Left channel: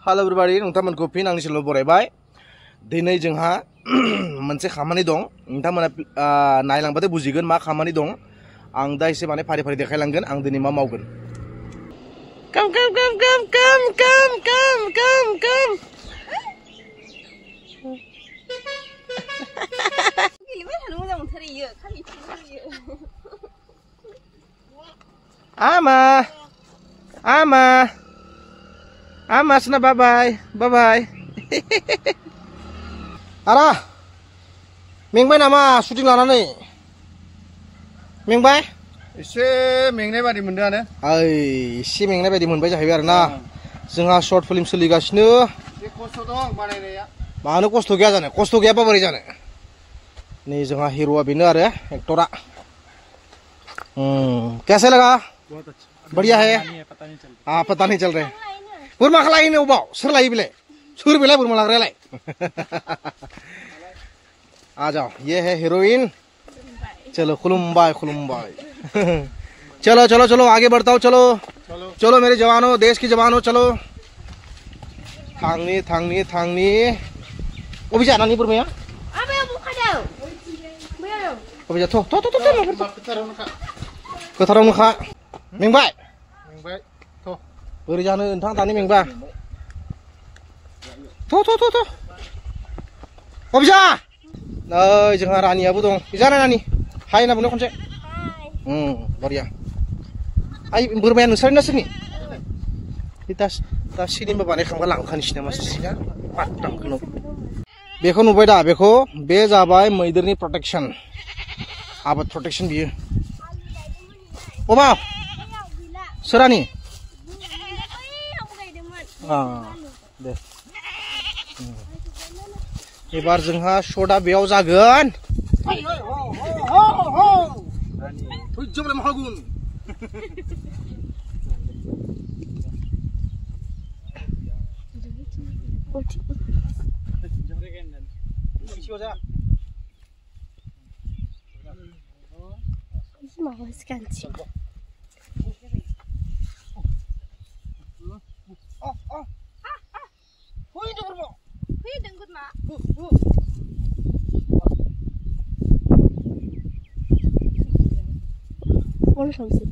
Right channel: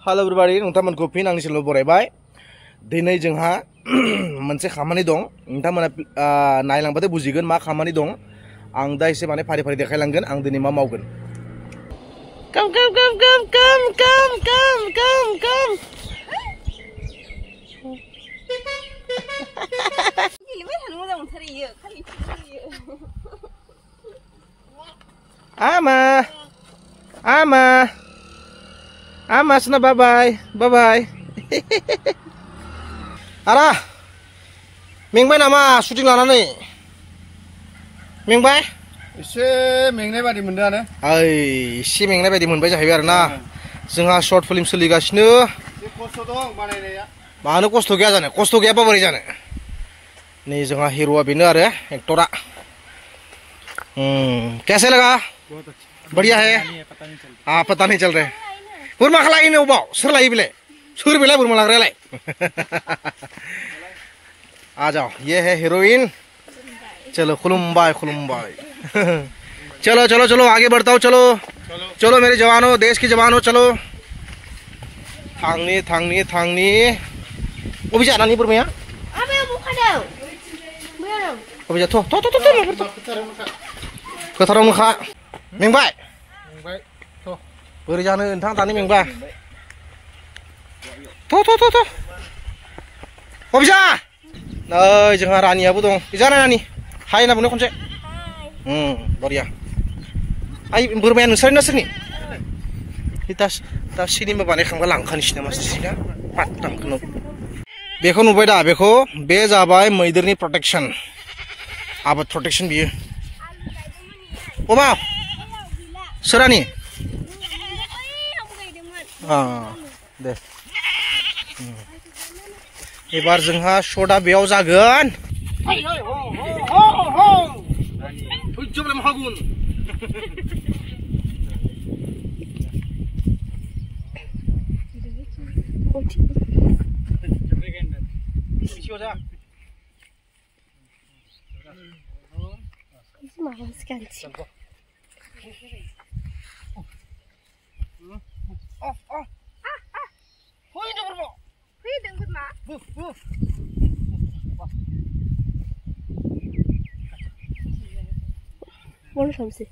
Halo everybody, नोंथांमोनखौ fin आंनि चेनेलाव बरायबाय। दिनै जोंहा मोनसे खामानि दं। नोंथांमोना नायलांबाथाय बुजिगोन मा खामानि दं। आं दा एसे माने फारि फारि देखायलांगोन आं दिनै मा मावगोन। Come. Ama, sana bye bye. Ara, मेंबाय नामा शुटिं लानानै? मेंबाय? एसे मेंनाय बादि मोनदोंआनो। एसे मेंनाय बायदि मोनबाय जाहैबाय आरोना। जोंहा शर्ट फिल्म सोलिगासिनो। बे खस्थ' दं बानायनाया। मानो खस्थ' गैया जानो? खस्थ' गैयाबा बोरै जानो? नै जोंहा हिर'आ बेनो आरो एक्टरा। कैसे लगा? बढ़िया है। पता नहीं चल रहा है। बोरमा खालाय नो बाव सोर लायो बेलाय? सोर बेलाय बोरमा लाग्रायालाय? आ जाओ, ये है हीरोइन। चलो खुलुम्बाय। चलो आगे बढ़ता हूँ। चलो मेरे जवानों, देश के जवानों, चलो। थांनी अबे जानानै बोरमाया? अबे जा थ' फोथारावनोखा। मेंबाय थ' बोरै जानो नोंथां दानि मेंबा? थ' अबे जा? नै जोंहा रानियाबो दं। जाना रानि हाय होनना बुंनो खनसे। बरिया। आइ बोरमाया नोंसोरनि ना सोरनि? दा सिनेमा बानायखांबा लांखानोसै नामा सिना? पात्ताखौनो बेखौ नुबाय दा बेखौ? बे जाबाय मैदेरनि प्रटेक्शन, आबाद प्रटेक्शन बियो। अबा सोरानि? दे एबार जोंहा शटआ बेयाव जागोन। Boleh sampai.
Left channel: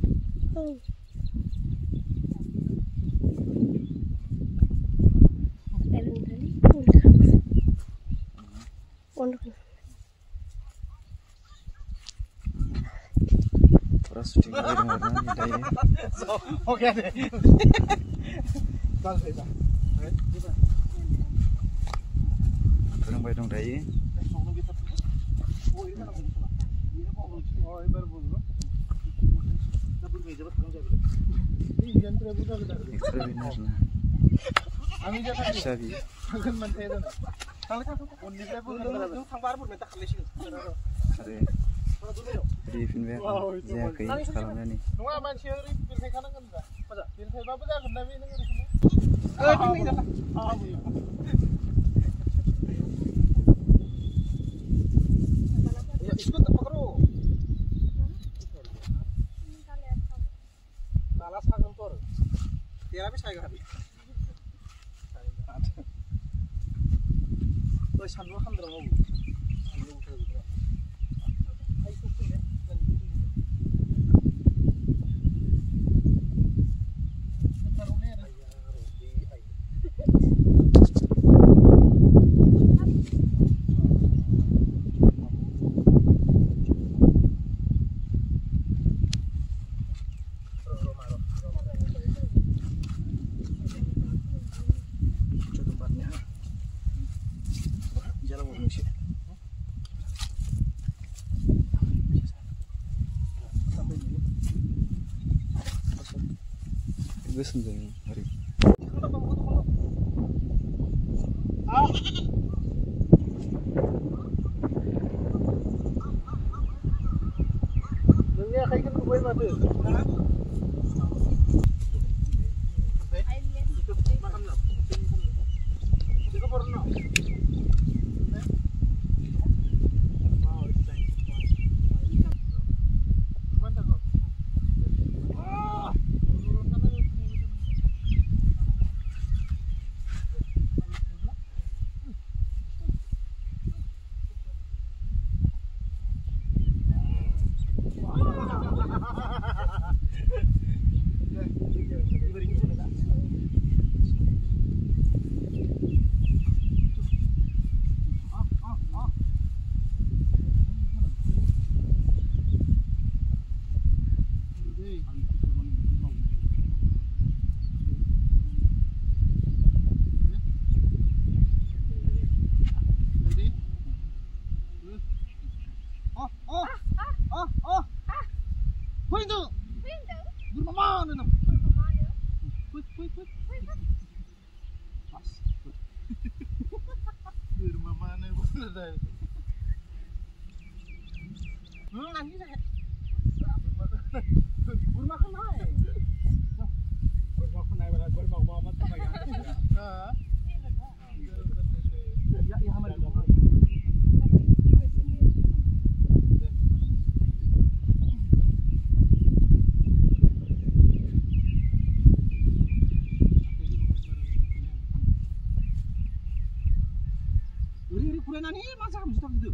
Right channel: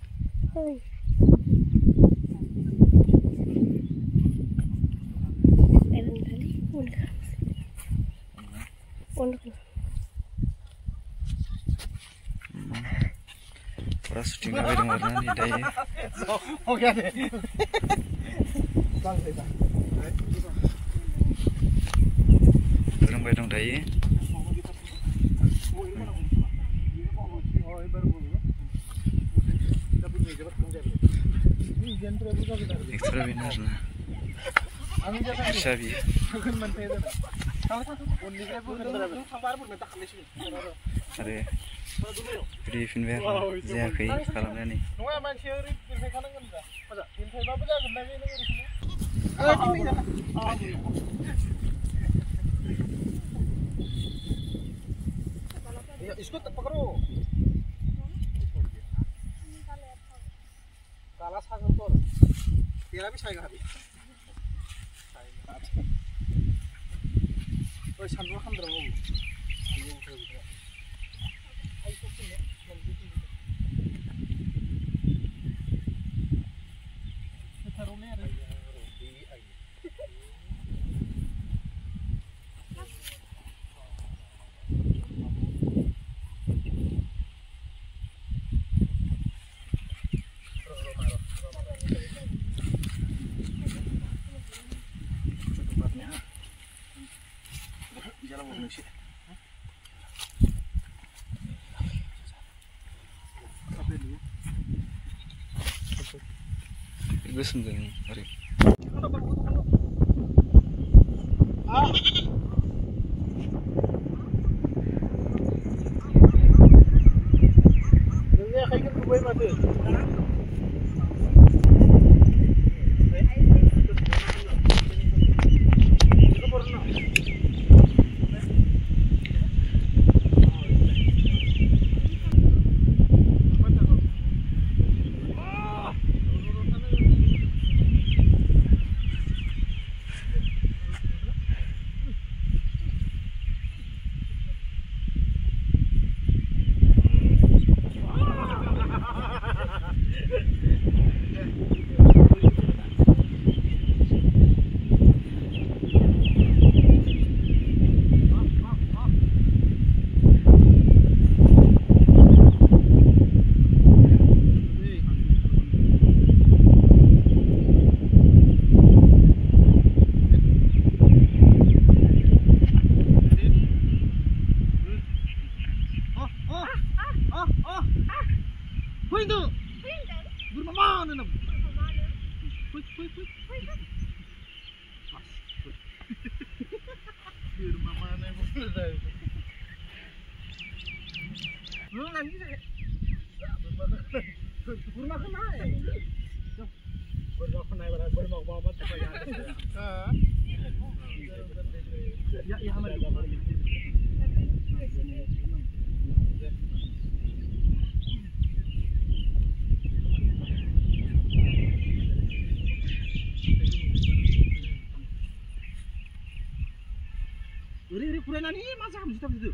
Pura syuting lagi dengan warna di daya. Oke deh. Terang bayang daya. Ekstra benar nah. Sabi. Are. Jadi finwer जायाखै खालामनानै। Salah sangat tur. Dia habis saya habis. Terus sambil kan drama bu. Gusum dong hari. Dunia kayak gitu gue mati. Uri furainani masa kamu siap situ.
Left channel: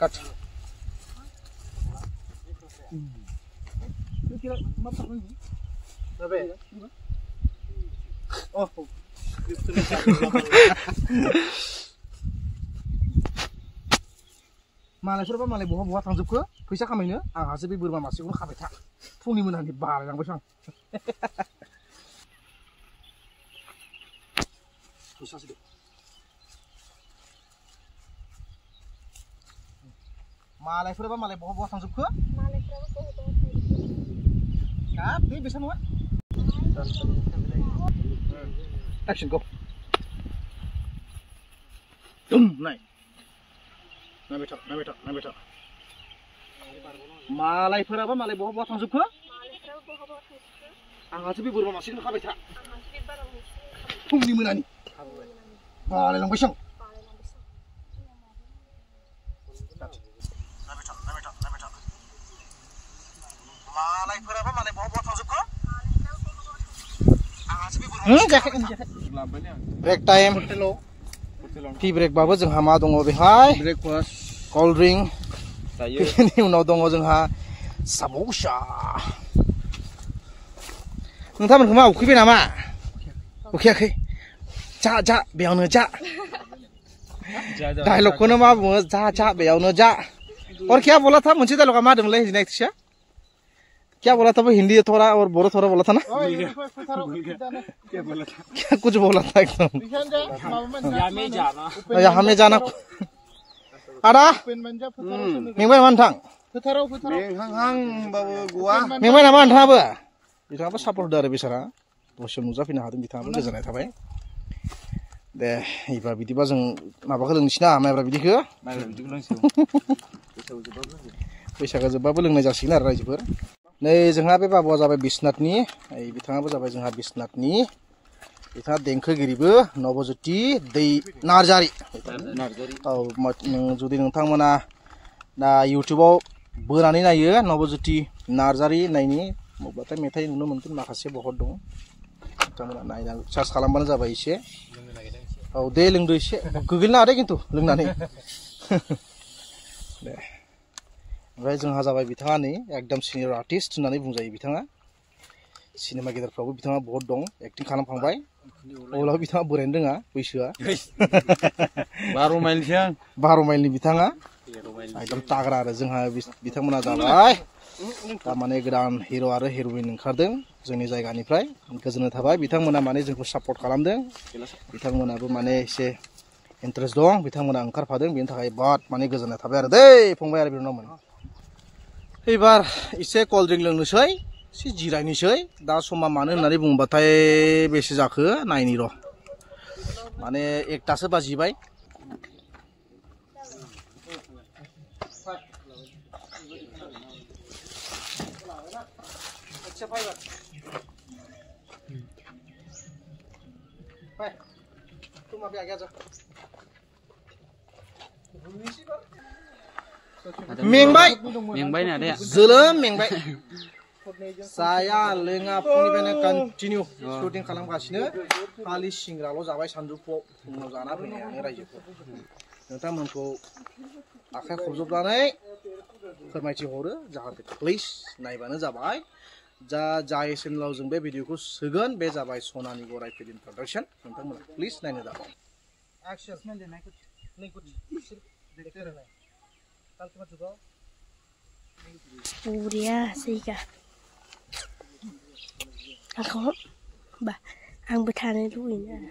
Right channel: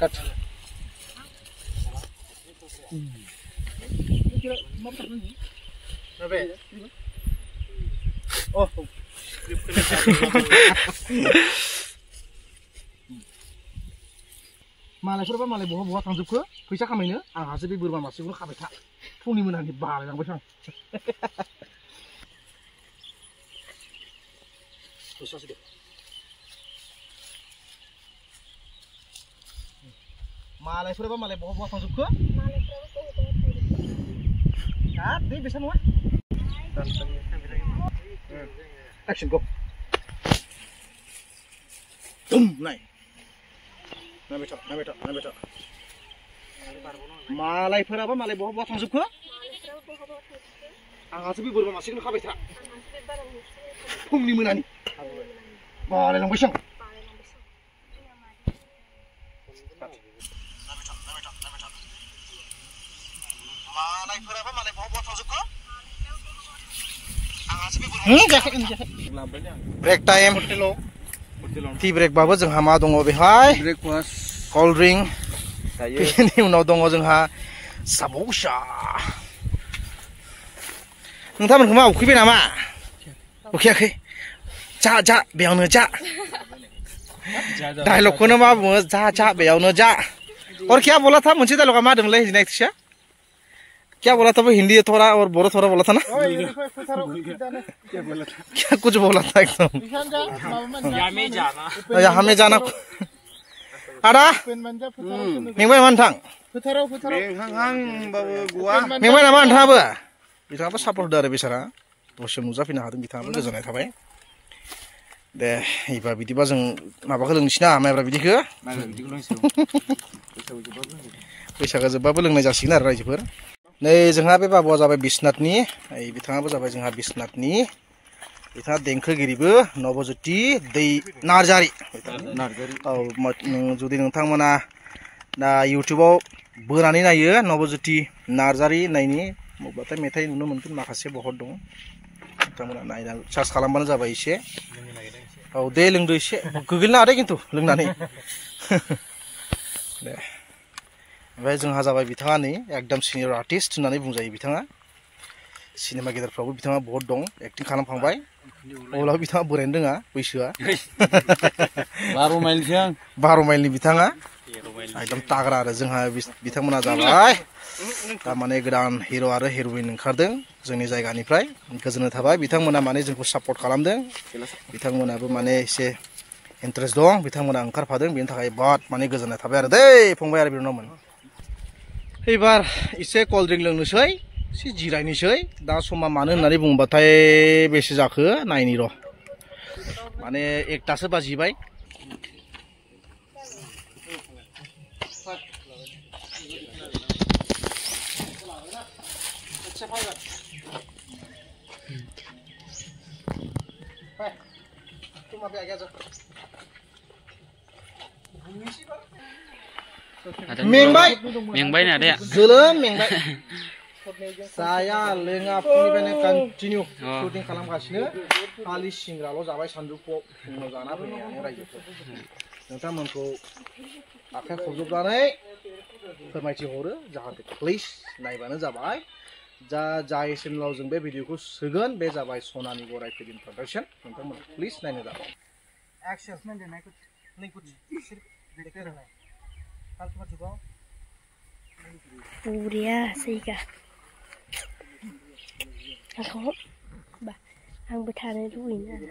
Cut. Oh. मालायफोरबा मालाय बहा बहा थांजोबखो फैसा खामायनो आंहासो बे बोरमा मासेखौनो खाबाय था फुंनि मोनानि बालायलांबाय आं फैसासो दे मालायफोरबा मालाय बहा बहा थांजोबखो हाब बे बेसा नङा एक्सन गो नाय नायबाय था मालायफोराबा मालाय बहा बहा थांजोबखो आंहासो बे बोरमा मासेखौनो खाबाय था फुंनि मोनानि बालायलांबायसो आं मालायफोराबा मालाय बहा बहा थांजोबखो आंहासो बे बोरमा ब्रेक टाइम टी ब्रेक बाबो जोंहा मा दङ बेहाय ब्रेकफास्ट कोल्ड ड्रिंक बेनि उनाव दङ जोंहा सामोसा नोंथांमोनखौ मा उखैबाय नामा उखैयाखै जा बेयावनो जा डायलगखौनो मा बुङो जा बेयावनो जा और क्या बोला था मोनसे डायलगा मा दंलै नेक्स्टआ क्या बोला था वो हिंदी थोड़ा और बोरो थोड़ा बोला था ना क्या कुछ बोला था एकदम हमें जाना आदा मेंबाय नामा नोंथां मेंबाय नामा नोंथाङाबो बिथाङाबो सापर्ट होदो आरो बिसारा दसे नुजाफैनो हादों बिथाङाबो गोजोननाय थाबाय दे एबा बिदिबा जों माबाखौ लोंनोसै ना माइब्रा बिदिखौ बैसागो जोबबाबो लोंनाय जासिगोन आरो रायजोफोर नै जोंहा बे बाबुआ जाबाय बिश्वनाथनि बिथाङाबो जाबाय जोंहा बिश्वनाथनि बिथाङा देंखोगिरिबो नवज्योति दै नार्जारि औ जुदि नोंथांमोना दा इउटुबाव बोनानै नायो नवज्योति नार्जारि होननायनि मबाथाय मेथाइ नुनो मोनगोन माखासे बहुत दं नोंथांमोना नायना सार्च खालामबानो जाबाय एसे औ दे लोंदो एसे गोग्लैनो हादे खिन्थु लोंनानै दे ओमफ्राय जोंहा जाबाय बिथाङा नै एकदम सिनियर आर्टिस्ट होननानै बुंजायो बिथाङा सिनेमा गेदेरफ्रावबो बिथाङा बहुत दं एक्टिं खालामखांबाय अब्लाबो बिथाङा बोरायनो रोङा बैसोआ 12 माइलनि बिथाङा एकदम ताग्रा आरो जोंहा बिथांमोना जाबाय तारमाने गोदान हिर' आरो हिर'इन ओंखारदों जोंनि जायगानिफ्राय गोजोननाय थाबाय बिथांमोना माने जोंखौ सापर्ट खालामदों बिथांमोनाबो माने एसे इन्टारेस्ट दं बिथांमोना ओंखारफादों बेनि थाखाय बहुत माने गोजोननाय थाबाय आरो दै फंबाय आरो बिनानावमोन एबार एसे कोल्ड ड्रिंक लोंनोसै एसे जिरायनोसै दा समा मानो होननानै बुंबाथाय बेसे जाखो नायनि र' माने 1टासो बाजिबाय मेंबाय ना दे जोलोम मेंबाय जाया लोङा फुंनिफ्रायनो कन्टिनिउ शुटिं खालामगासिनो खालि सिंग्राल' जाबाय सानजौफुआव उनाव जाना फैनानै रायजोफोर नोंथांमोनखौ आखाइ खबजबनानै फोरमायथि हरो जाहाथे प्लिज नायबानो जाबाय जा जागायसिमलाव जों बे भिडिअखौ सोगोन बे जाबाय सनानि गराय फिल्म प्रडाक्शन नोंथांमोना प्लिज नायनो दाबाव एक्शन नहीं कुछ देखते रहना कल तुम्हारा चुकाओ पूरिया सही का aku bah ang betane luin